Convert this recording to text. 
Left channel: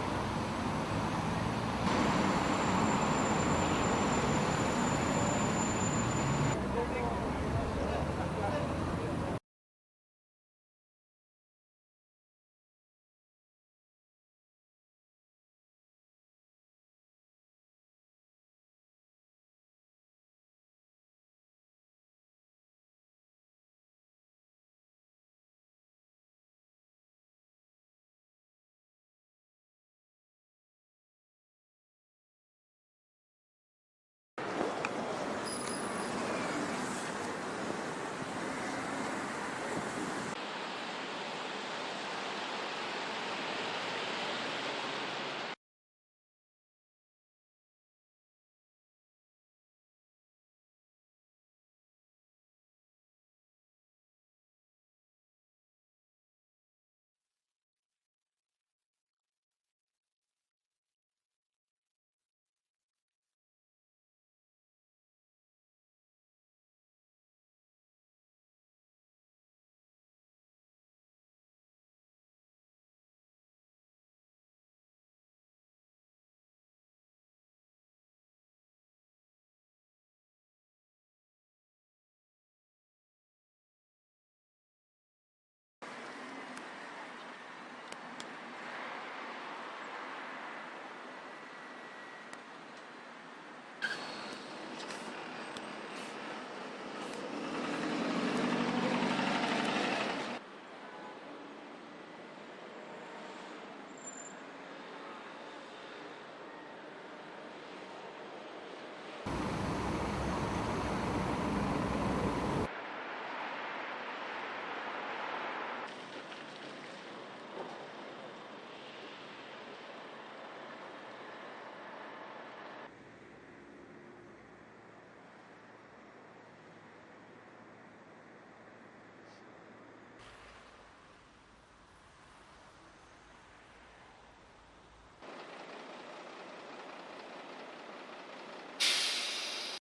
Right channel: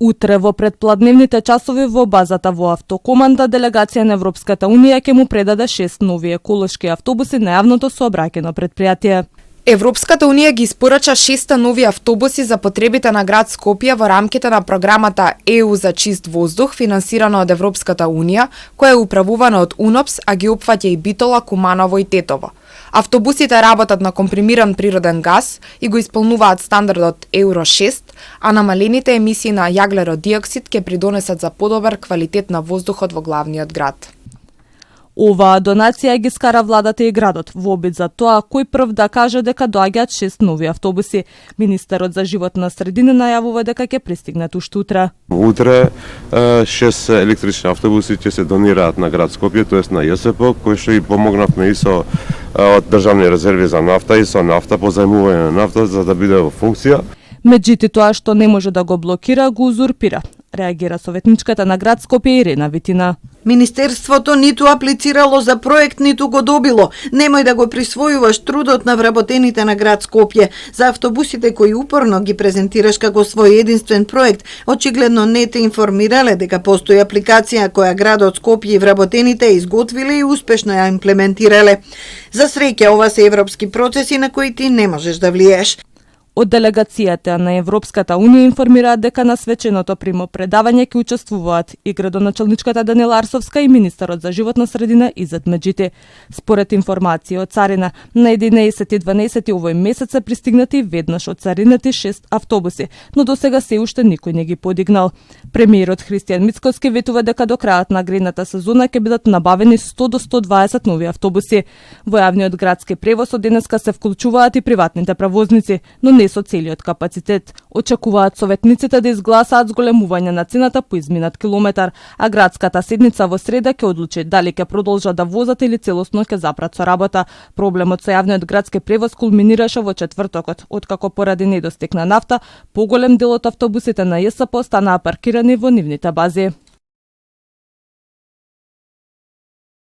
Утре во предпладневните часови во базата во Автокоманда делегација на Европската Унија ќе му предаде 6 нови еколошки автобуси на јавното сообраќајно претпријатие. Европската Унија ги испорача 6 нови автобуси за потребите на град Скопје во рамките на програмата ЕУ за чист воздух, финансирана од Европската Унија, која е управувана од УНОПС, а ги опфаќа и Битола, Куманово и Тетово. Автобусите работат на компримиран природен газ и го исполнуваат стандардот Евро 6, а намалените емисии на јаглерод диоксид ќе придонесат за подобар квалитет на воздухот во главниот град. Оваа донација ги скара владата и градот во обид за тоа кој прв да каже дека доаѓаат 6 нови автобуси. Министерот за животна средина најавува дека ќе пристигнат уште утре. Утре 6 електрични автобуси ќе се донираат на град Скопје, тоест на ЈСП, кој што и помогнавме и со од државни резерви за нафта и со нафта, позајмување на нафта за да биде во функција. Меѓутоа тоа што не може да го блокира, го узурпира. Реагира советничката на град Скопје Ирена Витина. Министерството ниту аплицирало за проект, ниту го добило. Немој да го присвојуваш трудот на вработените на град Скопје. За автобусите кои упорно ги презентираш како свој единствен проект, очигледно не те информирале дека постои апликација која градот Скопје и вработените изготвиле и успешно ја имплементирале. За среќа, ова се европски процеси на кои ти не можеш да влиеш. Од делегацијата на Европската Унија информираат дека на свеченото примопредавање ќе учествуваат и градоначалничката Даниела Арсовска и министерот за животна средина Изет Меджити. Според информација од царина, на 11.12 овој месец се пристигнати веднаш од царината 6 автобуси, но досега се уште никој не ги подигнал. Премиерот Христијан Мицкоски ветува дека до крајот на гредната сезона ќе бидат набавени 100 до 120 нови автобуси. Во јавниот градски превоз од денеска се вклучуваат и приватните превозници, но не со целиот капацитет. Очекуваат советниците да изгласаат зголемување на цената по изминат километар, а градската седница во среда ќе одлучи дали ќе продолжат да возат или целосно ќе запрат со работа. Проблемот со јавниот градски превоз кулминираше во четвртокот, откако поради недостиг на нафта, поголем дел од автобусите на ЈСП останаа паркирани во нивните бази.